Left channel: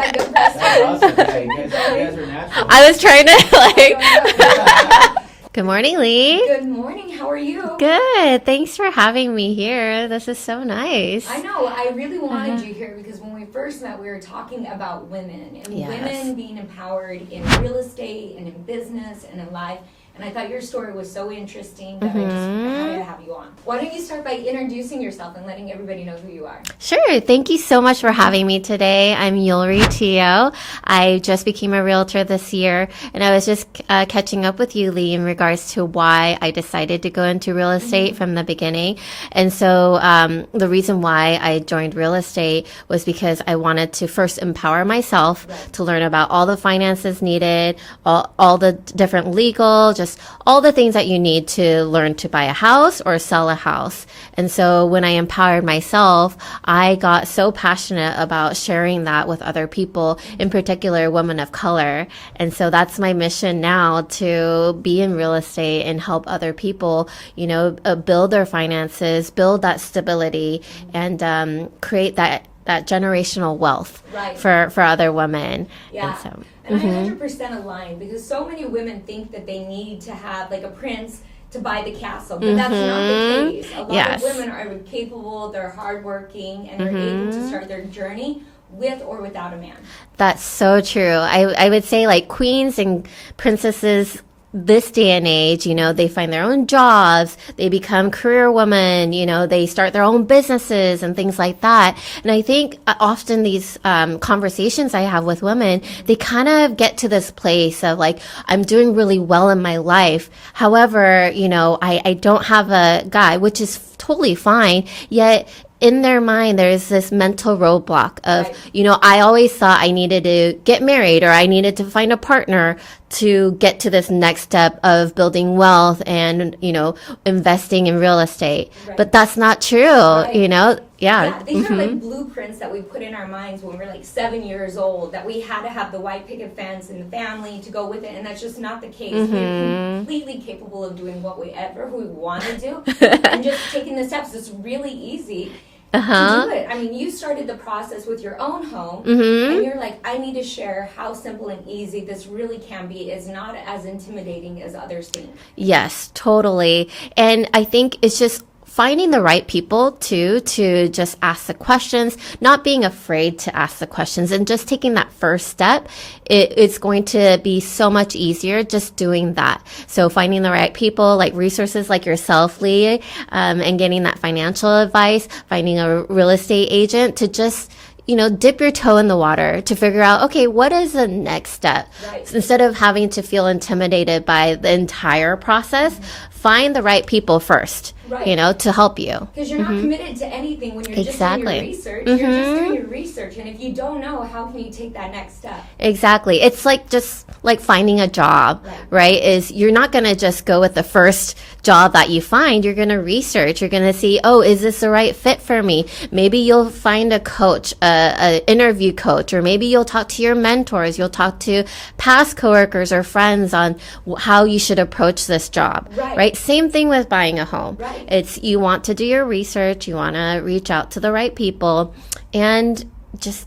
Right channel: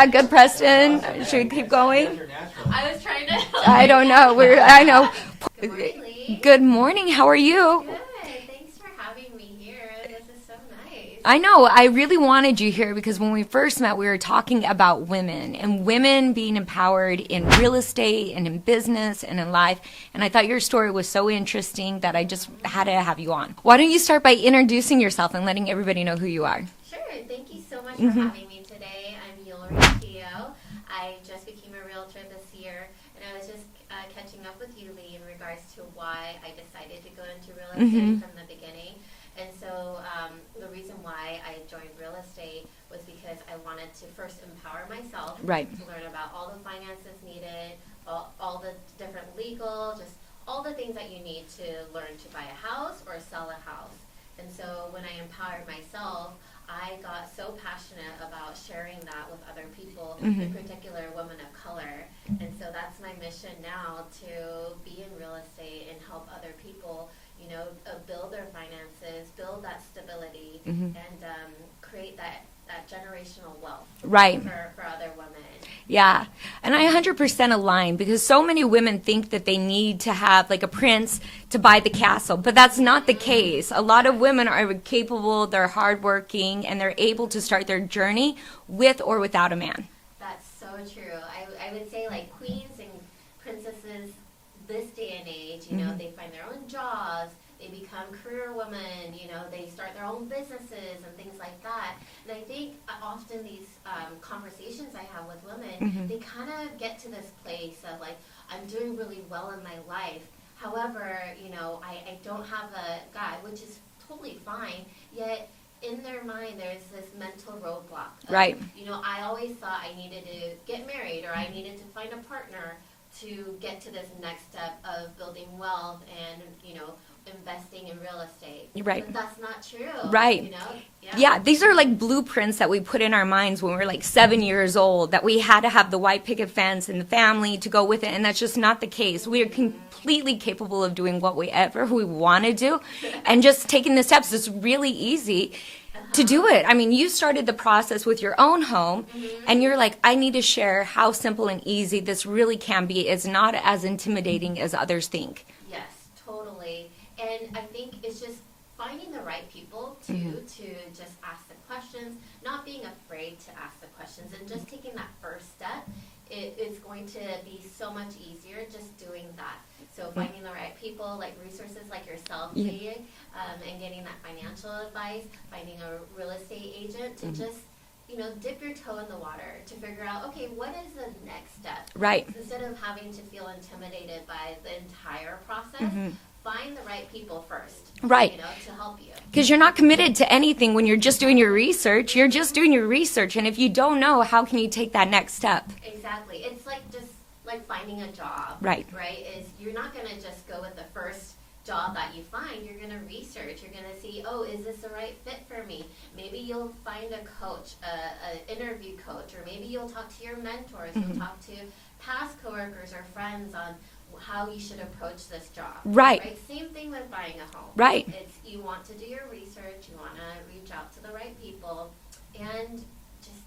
Like the Preston. Should we keep going? I was trying to I don't know. I know. Good morning, Lee. Good morning. How are you? Good. Thanks for having me here. This is so nice. I know. I really wanted you here because when we first met, we were talking about women and women being empowered in real estate and in business and in life. And I thought your story was so interesting that I just had to have you on. Why don't you start by introducing yourself and letting everybody know who you are? Sure. Thank you so much for having me today. I'm Yulri Teo. I just became a realtor this year, and I was just catching up with you, Lee, in regards to why I decided to go into real estate from the beginning. And so the reason why I joined real estate was because I wanted to first empower myself to learn about all the finances needed, all the different legal, just all the things that you need to learn to buy a house or sell a house. And so when I empowered myself, I got so passionate about sharing that with other people, in particular women of color. And so that's my mission now, to be in real estate and help other people, you know, build their finances, build that stability, and create that generational wealth for other women. Yeah. And I 100% align, because so many women think that they need to have like a prince to buy the castle, but that's not the case. A lot of women are capable, they're hardworking, and they're able to start their journey with or without a man. That's so true. I would say like queens and princesses this day and age, you know, they find their own jobs, they become career women, you know, they start their own businesses and things like that. And I think often these conversations I have with women, they kind of get to this place of like, I'm doing really well in my life. However, you know, I don't have a guy, which is totally fine, yet in their mind, there's this mental roadblock of, you know, I always thought I needed to get married or I needed to find a partner to get to this next step of building wealth and, you know, investing in real estate. But that's not true, you know? Yeah, these are like blueprints that we put in our minds when we were like 7 years old, that we had to have the white picket fence and the family to go with it, and that's just not the case. We're completely capable of doing whatever we want to do, and just taking the steps. It's really easy to do it. I mean, you started the process with your own home, and you're like, I need to share how simple and easy this really can be. It's not as intimidating as others think. Yes, totally. And I think it's just finding the right people too, to just ask the questions, not being afraid to ask the questions, and just taking that first step. It's going to be so much easier just doing that. So finding the right people, like resources like yourself, Lee, and getting that financial advice, finding a real estate agent to just, you know, dip your toe in the water to figure out, okay, what is the next step? Instead of having to feel intimidated by the entire process, find the right people first, you know, to help you. Because you're not committed to anything when you're just doing your research. You're just doing your research. And if you don't know, how can you take that next step? Exactly. It's like just like finding a job, right? Is you're not going to just go with the first job that you find. You're going to research. You're going to see, oh, is this the right fit for me? Maybe you'll find a coach, an interview coach, or maybe you'll talk to your mentors. You'll talk to past coworkers or friends on how you should approach this job. Right? Same thing with buying a home. It's, you want to do your research. You want to reach out to the right people, and just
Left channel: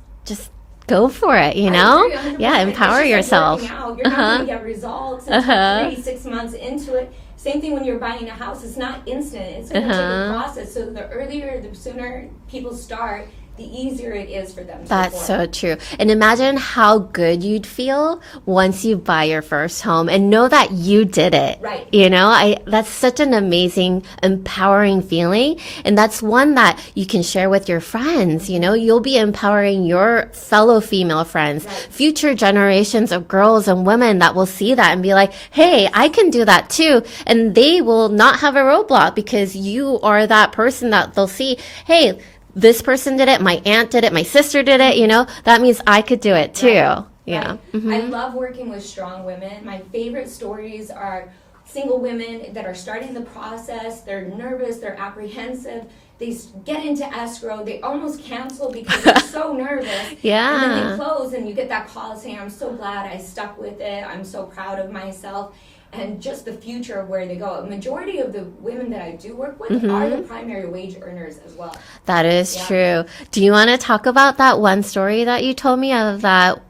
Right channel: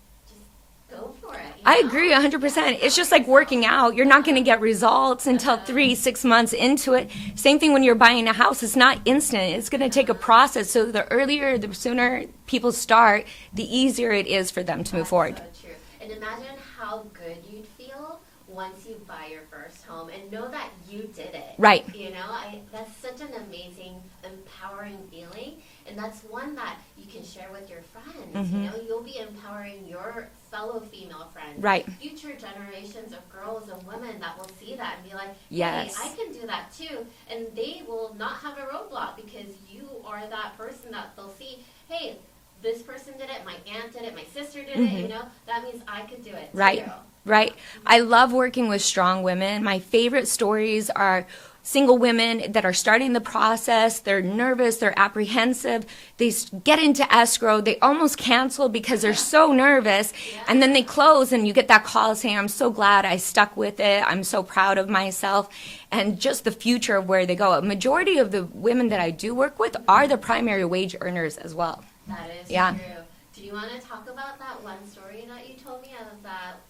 go for it, you know? I agree 100%. Yeah, empower it's just yourself. Like working out. You're not going to get results until 3-6 months into it. Same thing when you're buying a house. It's not instant. It's going to take a process. So the earlier, the sooner people start, the easier it is for them to afford. That's so true. And imagine how good you'd feel once you buy your first home and know that you did it. You know, that's such an amazing, empowering feeling. And that's one that you can share with your friends. You know, you'll be empowering your fellow female friends, future generations of girls and women that will see that and be like, hey, I can do that too. And they will not have a roadblock because you are that person that they'll see, hey, this person did it, my aunt did it, my sister did it, you know, that means I could do it too. I love working with strong women. My favorite stories are single women that are starting the process. They're nervous, they're apprehensive. They get into escrow, they almost cancel because they're so nervous. Yeah. And then they close, and you get that call saying, I'm so glad I stuck with it. I'm so proud of myself. And just the future of where they go. A majority of the women that I do work with are the primary wage earners as well. That is true. Do you want to talk about that one story that you told me of that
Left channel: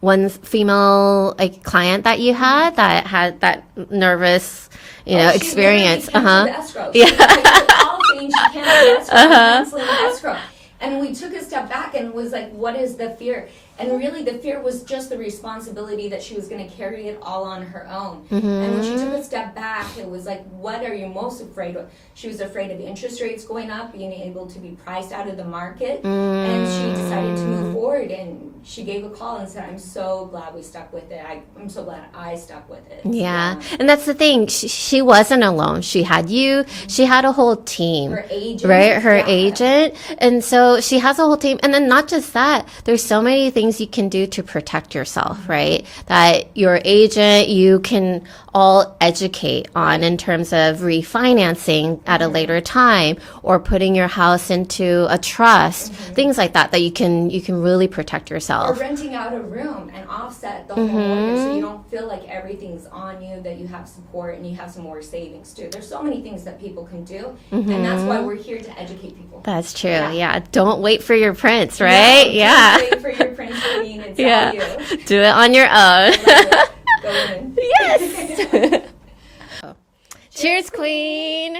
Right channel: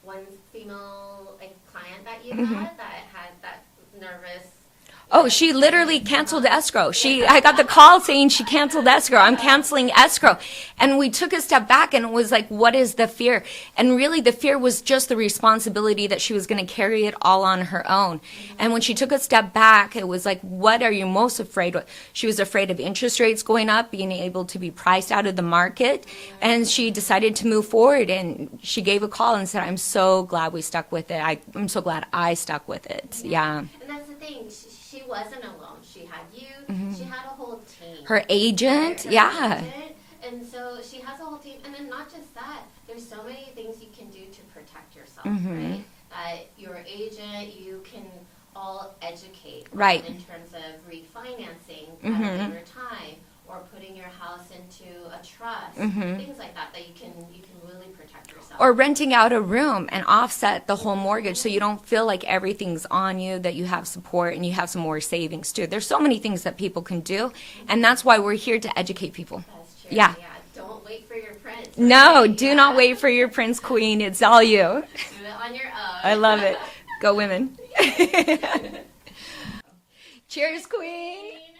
one female client that you had that had that nervous she literally experience? canceled escrow. I got the call saying she canceled escrow. I'm canceling escrow. And we took a step back and was like, what is the fear? And really the fear was just the responsibility that she was going to carry it all on her own. And when she took a step back, it was like, what are you most afraid of? She was afraid of interest rates going up, being able to be priced out of the market. And she decided to move forward, and she gave a call and said, I'm so glad we stuck with it. I'm so glad I stuck with it. Yeah. And that's the thing. She wasn't alone. She had you. She had a whole team. Her agent. Right? Her agent. And so she has a whole team. And then not just that, there's so many things you can do to protect yourself, right? That your agent, you can all educate on in terms of refinancing at a later time, or putting your house into a trust, things like that, that you can really protect yourself. Or renting out a room and offset the whole mortgage, so you don't feel like everything's on you, that you have support and you have some more savings too. There's so many things that people can do, and that's why we're here to educate people. That's true. Yeah. Don't wait for your prince, right? No, don't wait for your prince queen. It's all you. Do it on your own. I love it. Go women. Yes. Cheers, queen.